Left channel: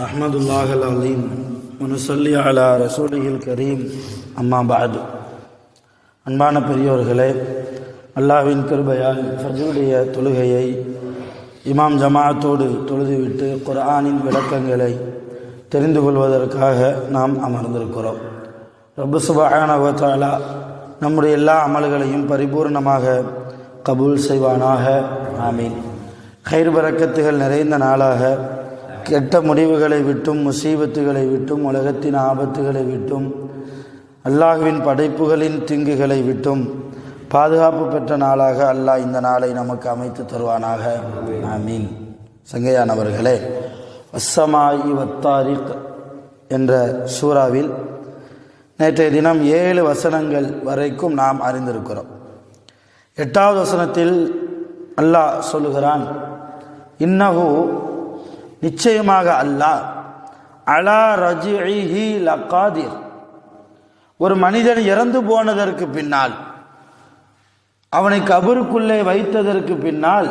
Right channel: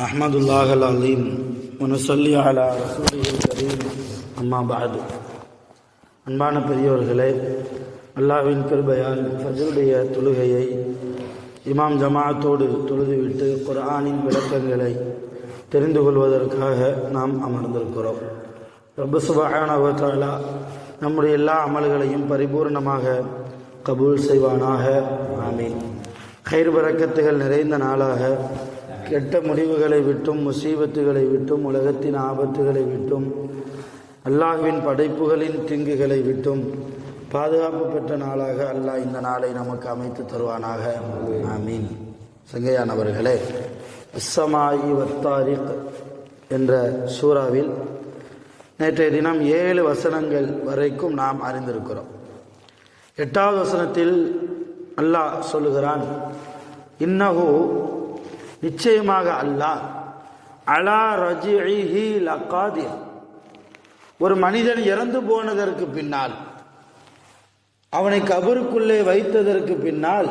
நஹ்மதுல்லாஹ் அல்-அலீம் வனுஸல்லி அலா ரசூலிஹில் கரீம் அம்மா பஅது. அன்பான பெரியோர்களே, அல்லாஹ்வின் கிருபையால் ஃபஜ்ருடைய தொழுகையை இமாம் ஜமாஅத்தோடு தொழுதுவிட்டு குர்ஆனின் விளக்கங்களை தெரிந்து கொள்வதற்காக நாம் அமர்ந்திருக்கிறோம். ரப்பு சுப்ஹானஹு வ தஆலா நம்முடைய எல்லா அமல்களையும் பரிபூர்ணமாக கபூல் செய்வானாக. ஆமீன். கைர் பரக்கத்துகள் நிறைந்த நாளாக, கெட்ட முடிவுகளை விட்டும் முசீபத்துகளை விட்டும் உலகத்தின் ஆபத்துகளை விட்டும் அல்லாஹ்வின் படைப்புகளின் தீங்குகளை விட்டும் பாதுகாப்பு பெற்ற நாளாக அல்லாஹ் இந்த நாளை நமக்கு அமைத்து தருவானாக. ஆமீன். சங்கையானவர்களே, அஸ்ஸமாஇ வத்தாரிக் என்ற சூறாவில் நேற்றைய தினம் 7 வசனங்கள் வரைக்கும் நாம் அறிந்திருக்கிறோம். 8வது வசனத்தில் அல்லாஹ் சொல்லுகிறான், இன்னஹு நிச்சயமாக அல்லாஹ் அலா ரஜிஇஹி லகாதிர், ஒரு மனிதன் இறந்து போனதற்கு பின்னால், அவனை கபருக்குள்ளே வைத்ததற்கு பின்னால்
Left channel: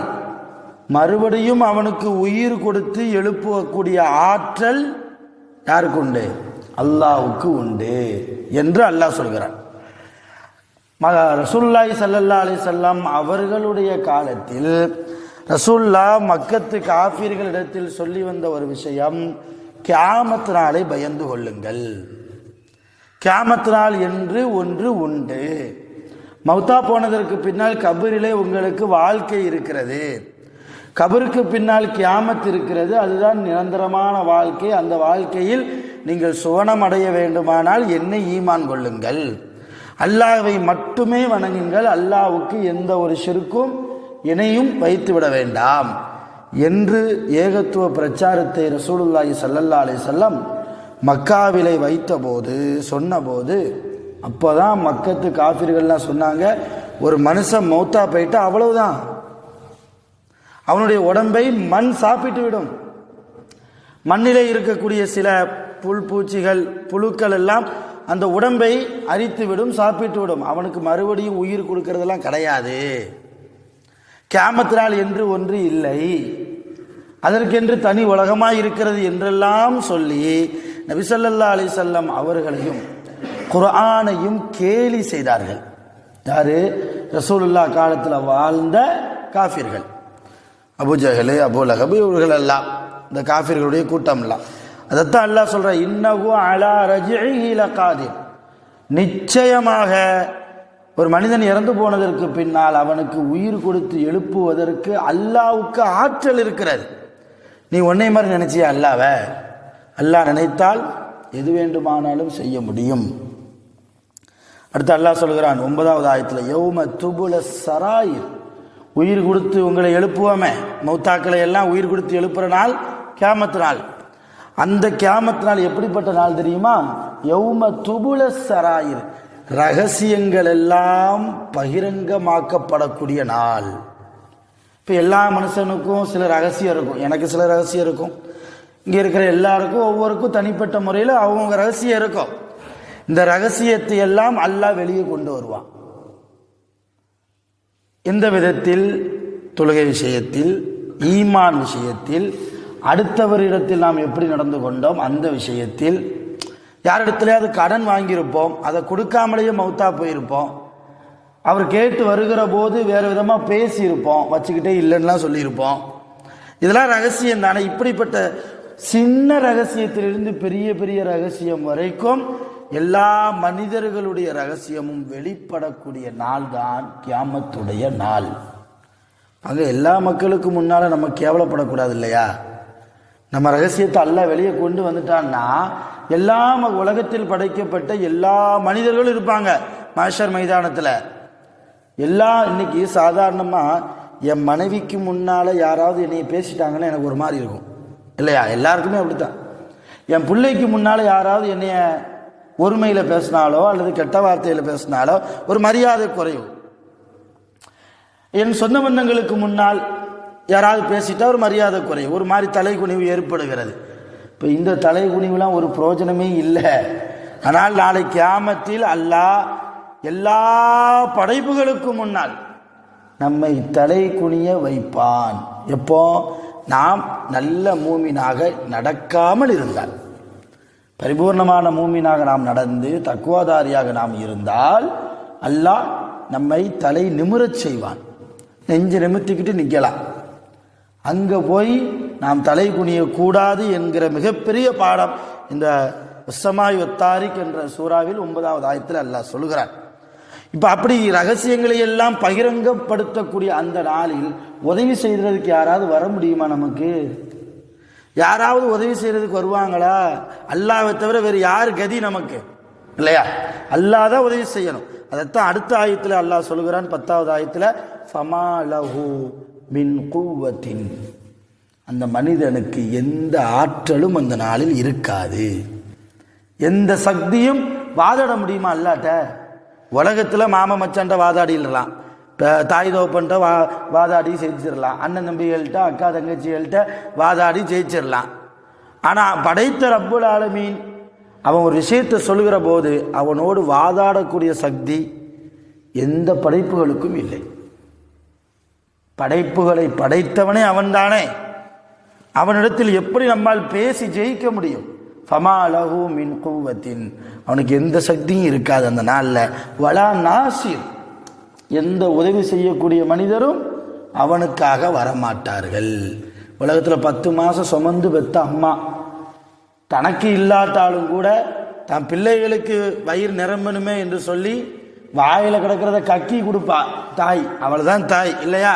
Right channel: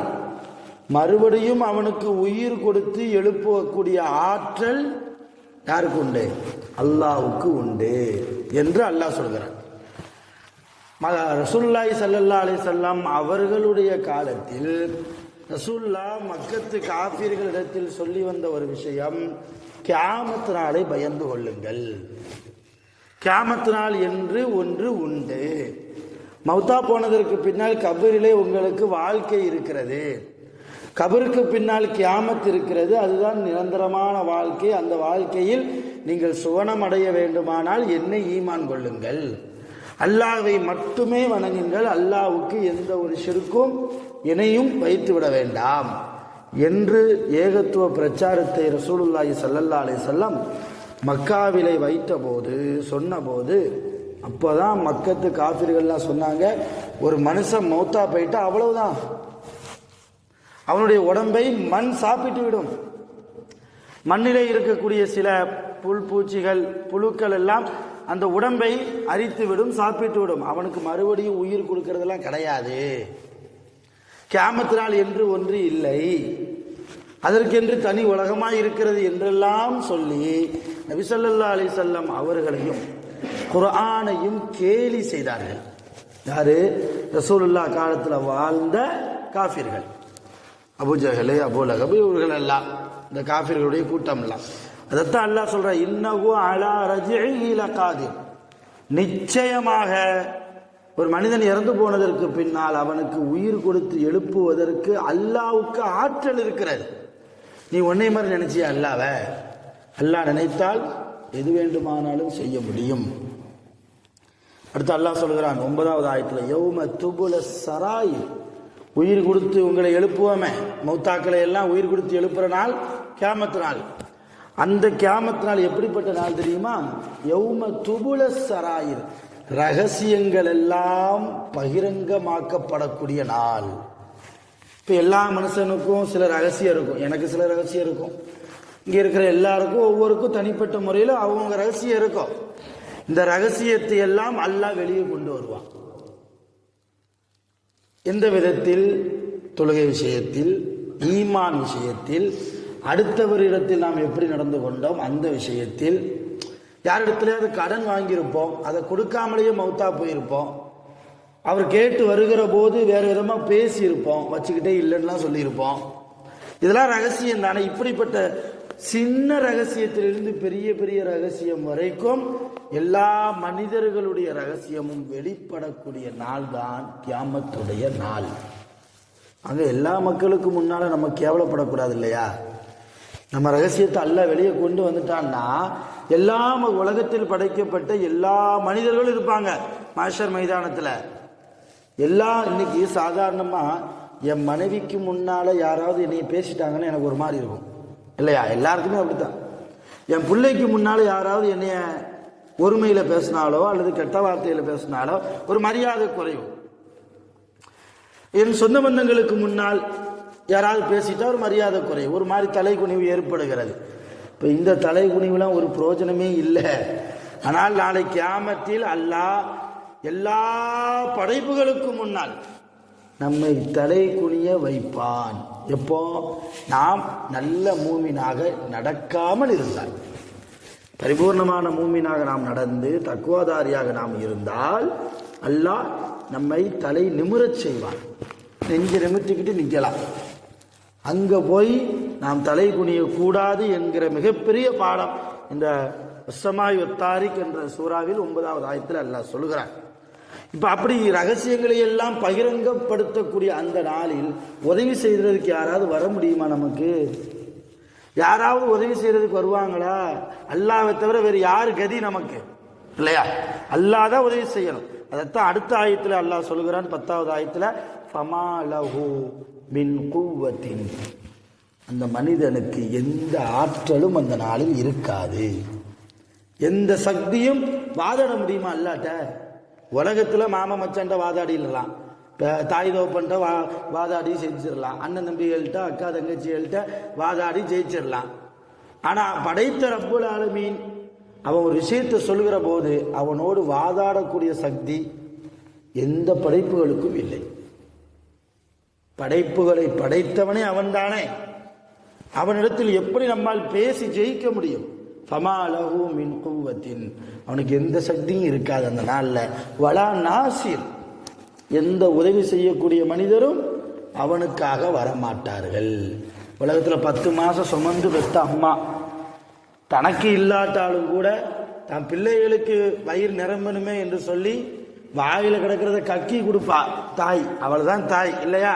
மறுபடியும் அவனுக்கு உயிர் கொடுத்து எழுப்பக்கூடிய ஆற்றல் யாருக்கு உண்டு? அல்லாஹ்வுக்கு உண்டு என்று அல்லாஹ் சொல்கிறான். ரசூலுல்லாஹி ஸல்லல்லாஹு அலைஹி வஸல்லம் அவர்களுடைய காலத்தில் ரசூலுல்லாஹ் மக்கத்து காஃபிர்களிடத்தில் சொல்லி வந்த ஒரு விஷயம், கியாமத் நாளை பயந்து கொள்ளுங்கள். கியாமத் நாள் என்று ஒன்று உண்டு. மௌத்தா போனதற்கு பின்னால் கபரிலே உங்களுக்கு வாழ்க்கை இருக்கிறது. கபருக்கு பின்னால் கியாமத் இருக்கிறது. அதுதான் நிரந்தரமான வாழ்க்கை. அந்த வாழ்க்கையில் நீங்கள் சுவனம் அடைய வேண்டுமானால் என்னை ஈமான் கொள்ளுங்கள், அல்லாஹ்வை மட்டுமே வணங்குங்கள், அல்லாஹ்வுக்கு எந்த ஒரு ஷிர்க்கும் இணையும் வைத்துவிட வேண்டாம் என்று ஏகத்துவ பிரச்சாரத்தை ரசூலுல்லாஹி ஸல்லல்லாஹு அலைஹி வஸல்லம் மக்காவிலே வைத்தபோது சொன்னபோது, அப்போதான் மக்கத்து காஃபிர்கள்லாம் சொன்னாங்க, ஒரு மனுஷன் மௌத்தா போயிட்டா அவ்வளவுதான், அவனுடைய உடம்பை மண் சாப்பிட்டு விடும். மண்ணிலே இருக்கக்கூடிய சில பூச்சிகள் புழுக்கள் எல்லாம் அந்த உடம்பை அரித்து விடும், சாப்பிட்டு விடும். அவனுக்கு மறுபடியும் உயிர் கொடுக்கறதெல்லாம் கிடையாது. கியாமத் நாள் என்று ஒன்று இல்லை, அதற்கென்று தனி உலகமாய் இருக்கிறது என்றெல்லாம் சொல்லி நபி ஸல்லல்லாஹு அலைஹி வஸல்லம் அவர்களையும் குர்ஆனையும் கேலி செய்தார்கள். யாரு? ரசூலுல்லாஹ் காலத்தில் வாழ்ந்த காஃபிர்கள், அபூஜஹல், அபூ லஹப், இவர்கள் எல்லாம், இந்த காஃபிர்களுடைய கூட்டம் எல்லாம். அதைத்தான் அல்லாஹ் சொல்ற, இன்னஹு அலா ரஜிஇஹி லகாதிர், நிச்சயமாக ஒரு மனிதன் இறந்து போனதற்கு பின்னால் அவனுக்கு உயிர் கொடுத்து எழுப்புவதற்கு அல்லாஹ்வுக்கு ஆற்றல் இருக்கிறது. நீ உன்னை மாதிரி நினைச்சியா அல்லாஹ்வை? அல்லாஹ் நினைத்தால் எது வேண்டுமானாலும் செய்ய முடியும். அடுத்து அல்லாஹ் சொல்கிறான் 9வது ஆயத்தில், யௌம துபுல சராயிர், உயிர் கொடுத்து உங்களை எழுப்புவோமே, மௌத்தாக்களை எல்லாம் உயிர் கொடுத்து எழுப்புற நாள் கியாமத் நாள். அந்த கியாமத் நாள் எப்படிப்பட்ட நாள் தெரியுமா? யௌம துபுல சராயிர், ரகசியங்கள் எல்லாம் பகிரங்கமாக்கப்படக்கூடிய நாள். இப்போ எல்லா மனுஷனுக்கும் சில ரகசியம் இருக்கும், எனக்கு சில ரகசியம் இருக்கும், இங்கே இருக்கிற எல்லாருக்கும் ஒவ்வொருக்கும் தனிப்பட்ட முறையில் அவங்க ரகசியம் இருக்கும். இந்த ரகசியத்தை எல்லாம் அல்லாஹ் வெளியே கொண்டு வருவான். இந்த விதத்தில் தொழுகை விஷயத்தில், ஈமான் விஷயத்தில், அடுத்தவரிடத்தில் நாம் எப்படி நடந்து கொண்டோம் அந்த விஷயத்தில், யாரிடத்துலையாவது கடன் வாங்கியிருப்போம், அதை கொடுக்காமலேயே மௌத்தா போயிருப்போம், அவர் கேட்டு வருகிற போது வேறு விதமாக பேசியிருப்போம், வச்சுக்கிட்டே இல்லைன்னா சொல்லியிருப்போம். இதெல்லாம் ரகசியம் தானே. இப்படிப்பட்ட சின்ன ரகசியத்திலிருந்து பெரிய பெரிய ரகசியம் வரைக்கும் எல்லா மனிதர்களுடைய ரகசியமும் வெளிப்படக்கூடிய நாள் தான் கியாமத்துடைய நாள். அங்கே எல்லா மக்களுக்கு முன்னால் நம்ம கேவலப்படக்கூடாது இல்லையா? நம்ம ரகசியத்தை அல்லாஹ் வெளியே கொண்டு வந்துட்டான்னா எல்லா உலகத்தில் படைக்கப்பட்ட எல்லா மனிதர்களும் இருப்பாங்க மஹ்ஷர் மைதானத்தில். இன்னைக்கு சாதாரணமாக என் மனைவிக்கு முன்னால் யாராவது என்னை பேசிட்டாங்கன்னா எனக்கு ஒரு மாதிரி இருக்கும் இல்லையா? எல்லாருக்குமே அப்படித்தான். என் பிள்ளைக்கு முன்னால் யாராவது என்னைய ஒருமையில் பேசினாலோ அல்லது கெட்ட வார்த்தையில் பேசினாலோ ஒரு மரியாதை குறையும். என் சொந்த பந்தங்களுக்கு முன்னால் யாராவது பேசிட்டா ஒரு மரியாதை குறையும், ஒரு மாதிரி தலைகுனிவு ஏற்படுகிறது. இப்போ இந்த தலைகுனிவுலாம் ஒரு பிரயோஜனமே இல்லை. ஆனால் நாளை கியாமத்தில் அல்லாஹ் எல்லா படைப்புகளுக்கும் முன்னால் நம்மை தலை குனிய வைப்பான். எப்போ நாம் நல்ல மூமினாக நடக்காமல் இருந்தால், பரிபூர்ணமான மூமினாக நாம் நடந்து தக்குவாதாரியாக நாம் இருந்தால் அல்லாஹ் நம்மை தலை நிமிரச் செய்வான். நெஞ்சு நிமித்திக்கிட்டு நிற்கலாம். அங்கே போய் நாம் தலை குனியக்கூடாது என்கிற மிகப்பெரிய பாடம் இந்த உஸ்ஸமாய் ஒத்தாரிக் என்ற சூறாவில் 9வது ஆயத்தில் அல்லாஹ் சொல்கிறார். இப்போ அப்படி ரகசியங்களை எல்லாம் பகிரங்கப்படுத்தக்கூடிய அந்த நாளில் உதவி செய்கிறதுக்கு யாராவது வர முடியுமா? நமக்கு யாராவது உதவி செய்கிறதுக்கு வருவாங்களா? அல்லாஹ்வை தவிர வேறு யார் கதி நமக்கு? இல்லையா? அல்லாஹ் தான் உதவி செய்யணும். அதைத்தான் அடுத்த ஆயத்தில் அல்லாஹ் சொல்கிறான், 10வது ஆயத்தில், ஃபமா லஹு மின் குவத்தின், அந்த மனிதனுக்கு எந்த ஆற்றலும் அந்த நாளில் இருக்காது. எந்த சக்தியும் வாதாட முடியுமா அல்லாட்ட? உலகத்தில் மாம மச்சான்ட்ட வாதாடிடலாம், தாய் தோப்பன்ட்ட வாதாடி ஜெயிச்சிடலாம், அண்ணன் தம்பிகள்கிட்ட அக்கா தங்கச்சிகள்கிட்ட வாதாடி ஜெயிச்சிடலாம். ஆனால் படைத்த ரப்புல் ஆலமீன் அவன் ஒரு விஷயத்தை சொல்கிற போது அவனோடு வாதாடக்கூடிய சக்தி எந்த படைப்புகளுக்கும் இல்லை. படைப்புகளை படைத்தவனே அவன்தானே. அவனிடத்தில் எப்படி நம்மால் பேசி ஜெயிக்க முடியும்? ஃபமா லஹு மின் குவத்தின், அவனுக்கு எந்த சக்தியும் இருக்காது அந்த நாளில். வலா நாசிர், எந்த உதவி செய்யக்கூடிய மனிதரும் அவனுக்காக வரமாட்டார்கள். உலகத்தில் 10 மாதம் சுமந்து பெற்ற அம்மா தனக்கு இல்லாட்டாலும் கூட தன் பிள்ளைகளுக்கு வயிறு நிரம்பணுமே என்று சொல்லி வாயில் கிடக்கிறத கக்கி கொடுப்பா தாய். அவள் தான் தாய், இல்லையா?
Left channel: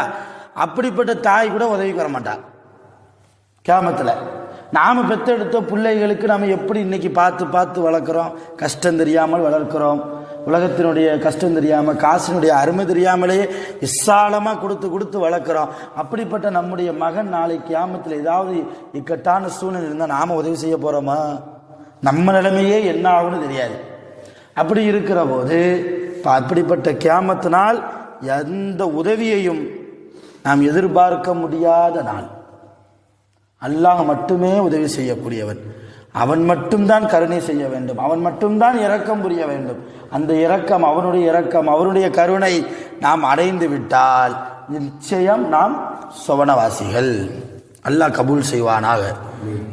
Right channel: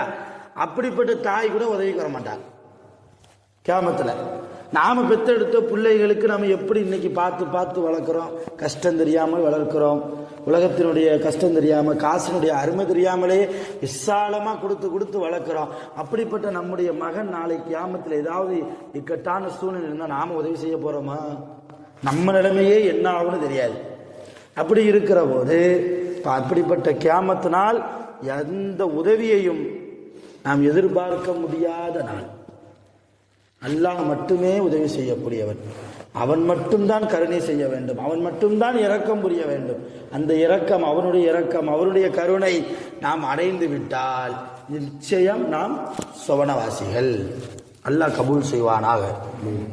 அப்படிப்பட்ட தாய் கூட உதவிக்கு வர மாட்டாள் கியாமத்தில். நாம் பெற்றெடுத்த பிள்ளைகளுக்கு நாம் எப்படி இன்னைக்கு பார்த்து பார்த்து வளர்க்குறோம்? கஷ்டம் தெரியாமல் வளர்க்குறோம். உலகத்தினுடைய கஷ்டம் தெரியாமல், காசினுடைய அருமை தெரியாமலேயே விசாலமாக கொடுத்து கொடுத்து வளர்க்குறோம். அப்படிப்பட்ட நம்முடைய மகன் நாளைக்கு கியாமத்தில் ஏதாவது இக்கட்டான சூழ்நிலை இருந்தால் நாம் உதவி செய்ய போகிறோமா? நம்ம நிலைமையே என்ன ஆகும்னு தெரியாது. அப்படி இருக்கிற போது அப்படிப்பட்ட கியாமத்தினால் எந்த உதவியையும் நாம் எதிர்பார்க்க முடியாத நாள். அல்லாஹ் மட்டுமே உதவி செய்யக்கூடியவன். அவன் மட்டும்தான் கருணை செய்ய வேண்டும். அவன் மட்டும்தான் இரக்கம் புரிய வேண்டும். அந்த இரக்கம், அவனுடைய இரக்கம், அவனுடைய கருணை நாம் அடைந்து விட்டால் நிச்சயம் நாம் சுவனவாசிகள். அல்லாஹ் கபூல் செய்வானாக.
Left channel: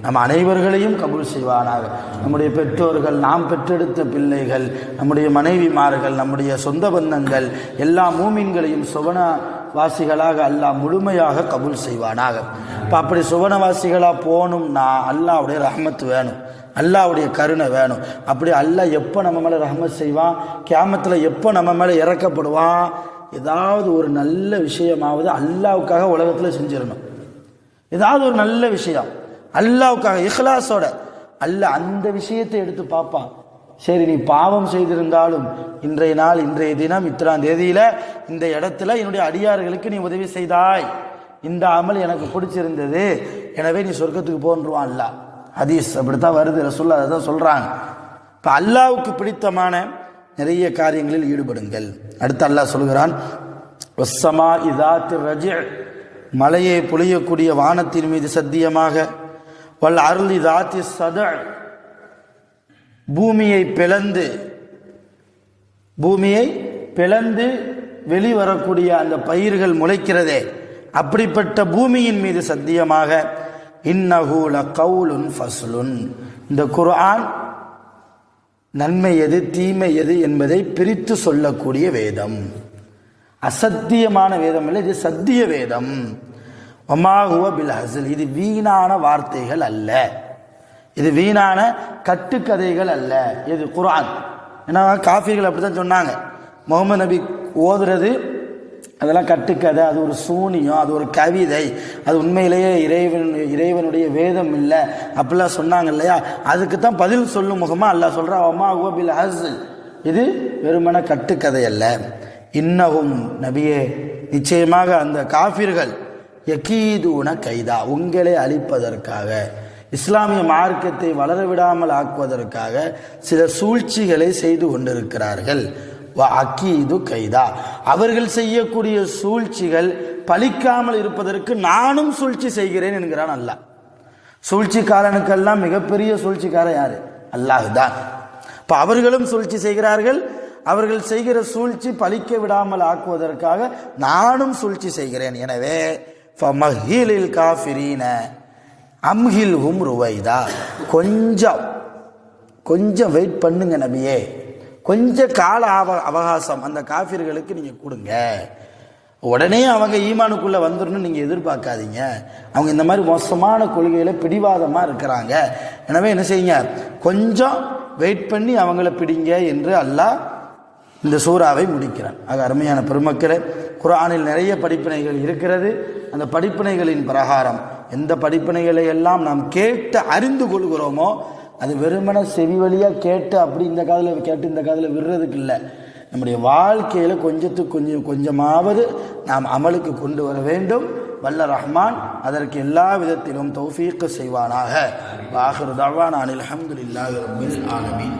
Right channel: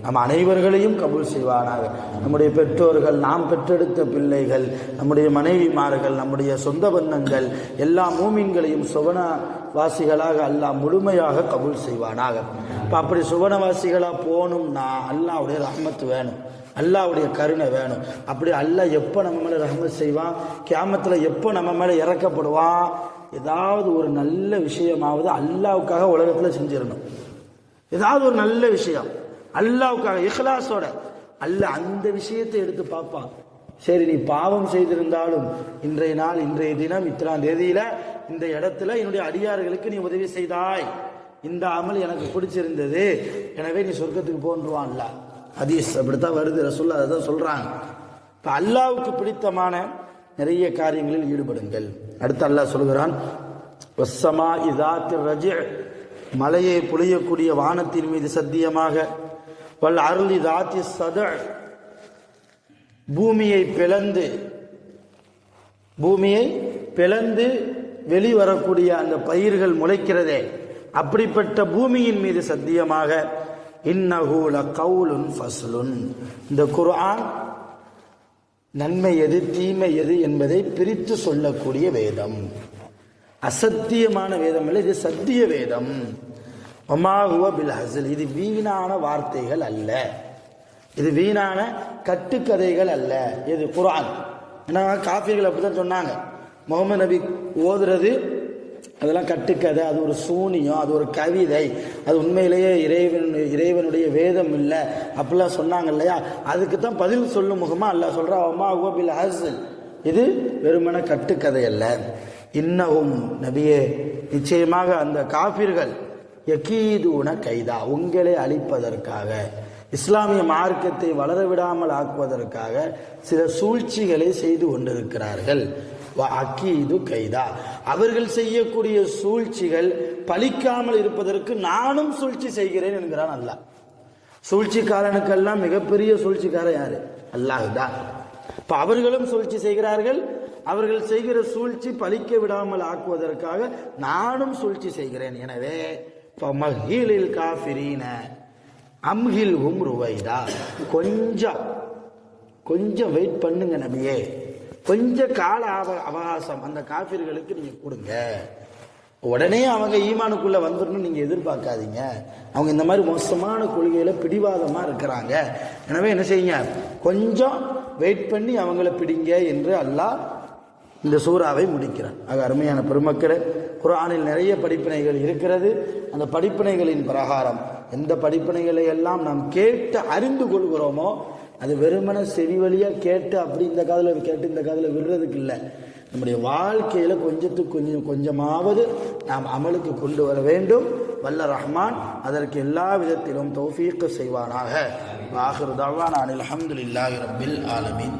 நம் அனைவர்களையும் கபூல் செய்வானாக. நம்முடைய பெற்றோர்கள், நாம் பெற்றெடுத்த பிள்ளைகள், நம்முடைய மனைவிமார்கள், நம்முடைய சொந்த பந்தங்கள், எல்லா மூமின்களையும் சுவனவாசிகளாக அல்லாஹ் முழுமையாக கபூல் செய்வானாக. இப்போ அப்படி சுவனவாசிகளாக போகணும்னா அல்லாஹ்வுடைய ரஹ்மத் வேணும், அல்லாஹ்வுடைய கருணை வேணும். அப்படி அல்லாஹ் எப்போ நம்ம மேலே ரஹ்மத் செய்வான்? கியாமத்தில் எப்போ நம்ம மேலே இறக்கப்படுவான்? ஏதாவது ஒரு நல்ல விஷயமாவது அல்லாஹ்வுக்காக உலகத்தில் செஞ்சிடணும். ஏதாவது ஒரு நல்ல விஷயம் அல்லாஹ்வுக்காக இஹ்லாஸோட அல்லாஹ் அந்த விஷயத்தை எடுத்து பார்ப்பான். சரி, நீ பாவம் செய்திருந்தாலும் இன்றைய நாள், இன்றைய தினம், இத்தனாம் தேதியில இந்த இடத்துல என்னுடைய அடியார்களுக்கு நீ உதவி செய்தாய், இந்த அமல் எனக்கு பிடிச்சிருந்தது, எனவே நீ சொர்க்கத்துக்கு போன்றுவான் அல்லாஹ். ஹதீஸ் அப்படித்தான் வருது, ரசூலுல்லாஹ் அதான் சொல்றாங்க. இப்போ அல்லாஹ்வுக்கு பிடித்தமான நிறைய காரியங்களில் ஈடுபடுங்கள். அடுத்து அல்லாஹ் சொல்கிறான், வஸ்ஸமா இதாத்தி ரஜிஅ், மலையை பொழியக்கூடிய வானத்தின் மீது சத்தியமாக, வல் அர்லி தாத்தி சதுஅ், பூமியை பிளந்து வெளிவரக்கூடிய அந்த பயிர்கள் முளைக்கிறதே, அப்படிப்பட்ட பூமியின் மீது சத்தியமாக, இன்னஹு லகவுலுன் ஃபஸ்லுன், இந்த குர்ஆன் நன்மை எது தீமை எது என்பதை பிரித்து சொல்லக்கூடிய வேதம். அசத்தியமான வேதம் இல்லை, இது சத்திய வேதம். வமா ஹுவ பில் ஹஸல், இது வீணான வார்த்தைகள் அல்ல, இது வீணான கட்டுக்கதைகள் அல்ல, இது குர்ஆன். ஏன்னா காஃபிர்கள் அப்படித்தான் சொன்னாங்க, முகமது நபி ஓதுறது அதெல்லாம் கட்டுக்கதை, அது ஒரு சூனியம், அது ஒரு கவிதை, அது உண்மையிலேயே இறைவனுடைய வேதம் இல்லை அப்படிலாம் சொன்னாங்க இல்லையா? அதுக்கு தான் பதில் சொல்லும் முகமா அல்லாஹ் சொல்றா, வமா ஹுவ பில் ஹஸல், இது வெறுமன கட்டுக்கதை அல்ல. இன்னஹும், நபியே நிச்சயமாக அந்த காஃபிர்கள், யகீதுன கைதா, உங்களை அழிப்பதற்காக, இஸ்லாமிய மார்க்கத்தை வளர விடாமல் ஆக்குவதற்காக சில சூழ்ச்சிகளை செய்து கொண்டிருக்கிறார்கள். அக்கீது கைதா, அவர்கள் செய்யக்கூடிய சூழ்ச்சிகள் பலிக்காமல் இருப்பதற்கு நானும் சூழ்ச்சி செய்கிறேன் என்கிறான் அல்லாஹ். சூழ்ச்சிக்காரனுக்கெல்லாம் மிகப்பெரிய சூழ்ச்சிக்காரன் யாரு? அல்லாஹ் தான். இப்ப அவர்களும் சூழ்ச்சி செய்கிறார்கள். அவர்கள் செய்கிற சூழ்ச்சி பலிக்க விடாமல் ஆக்குவதற்காக நானும் சூழ்ச்சி செய்கிறேன். எனவே ஃபமஹிலில் காஃபிரீன அம்ஹில்ஹும் ருவைதா. கொஞ்சம் வெயிட் பண்ணுங்க நபியே, கொஞ்சம் கால அவகாசம் அந்த காஃபிர்களுக்கு நீங்கள் கொடுங்க. உடனே அவங்க ஈமானுக்குள்ளே வந்துடணும் நீங்கள் எதிர்பார்க்காதீங்க. அவங்க இந்த மாதிரி மோசமான கொள்கையில் பிடிவாதமாக இருக்கிறாங்க. எனவே என்ன செய்யுங்க, கொஞ்சம் வெயிட் பண்ணி அவங்கள பிடிங்க என்று அல்லாஹ் இந்த சூறாவை முடிக்கிறான். ஆக அருமையான பெருமக்களே, குர்ஆனில் நிறைய படிப்பினைகள் இருக்கிறது. அந்த படிப்பினைகளின் பிரகாரம் எந்த படிப்பினைகளை எல்லாம் நாம் கேட்டு அறிந்து கொள்கிறோமோ அது வெறுமன செவி வழியாக கேட்டு அப்படி இந்த காதில் கேட்டு இந்த காதில் விடுறதுக்கு இல்லை. நம்முடைய வாழ்க்கையில் கொஞ்சமாவது நாம் அமலுக்கு கொண்டு வர வேண்டும். வல்ல ரஹ்மான் அதற்கு எல்லா விதத்திலும் தௌஃபீக் செய்வானாக. ஆகிரு தஅவானா அனில் ஹம்துலில்லாஹி ரப்பில் ஆலமீன்.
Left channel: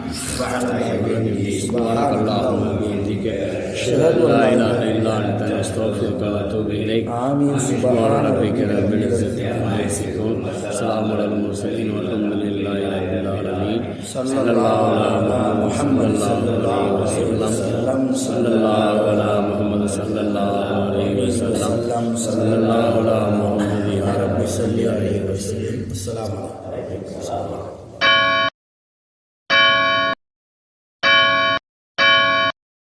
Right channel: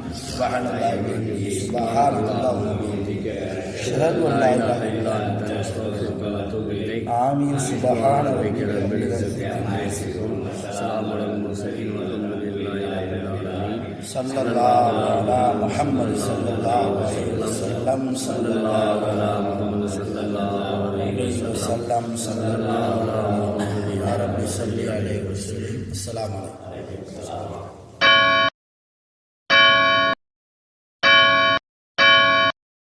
ஆமீன். சுப்ஹான ரப்பிக ரப்பில் இஸ்ஸத்தி அம்மா யசிஃபூன். ஸலாமுன் அலல் முர்ஸலீன் வல்ஹம்துலில்லாஹி ரப்பில் ஆலமீன். ஸல்லல்லாஹு அலா முஹம்மத் ஸல்லல்லாஹு அலைஹி வஸல்லம். ஸல்லல்லாஹு அலா முஹம்மத் ஸல்லல்லாஹு அலைஹி வஸல்லம். ஸல்லல்லாஹு அலா முஹம்மத் ஸல்லல்லாஹு அலைஹி வஸல்லம். அஸ்ஸலாமு அலைக்கும்.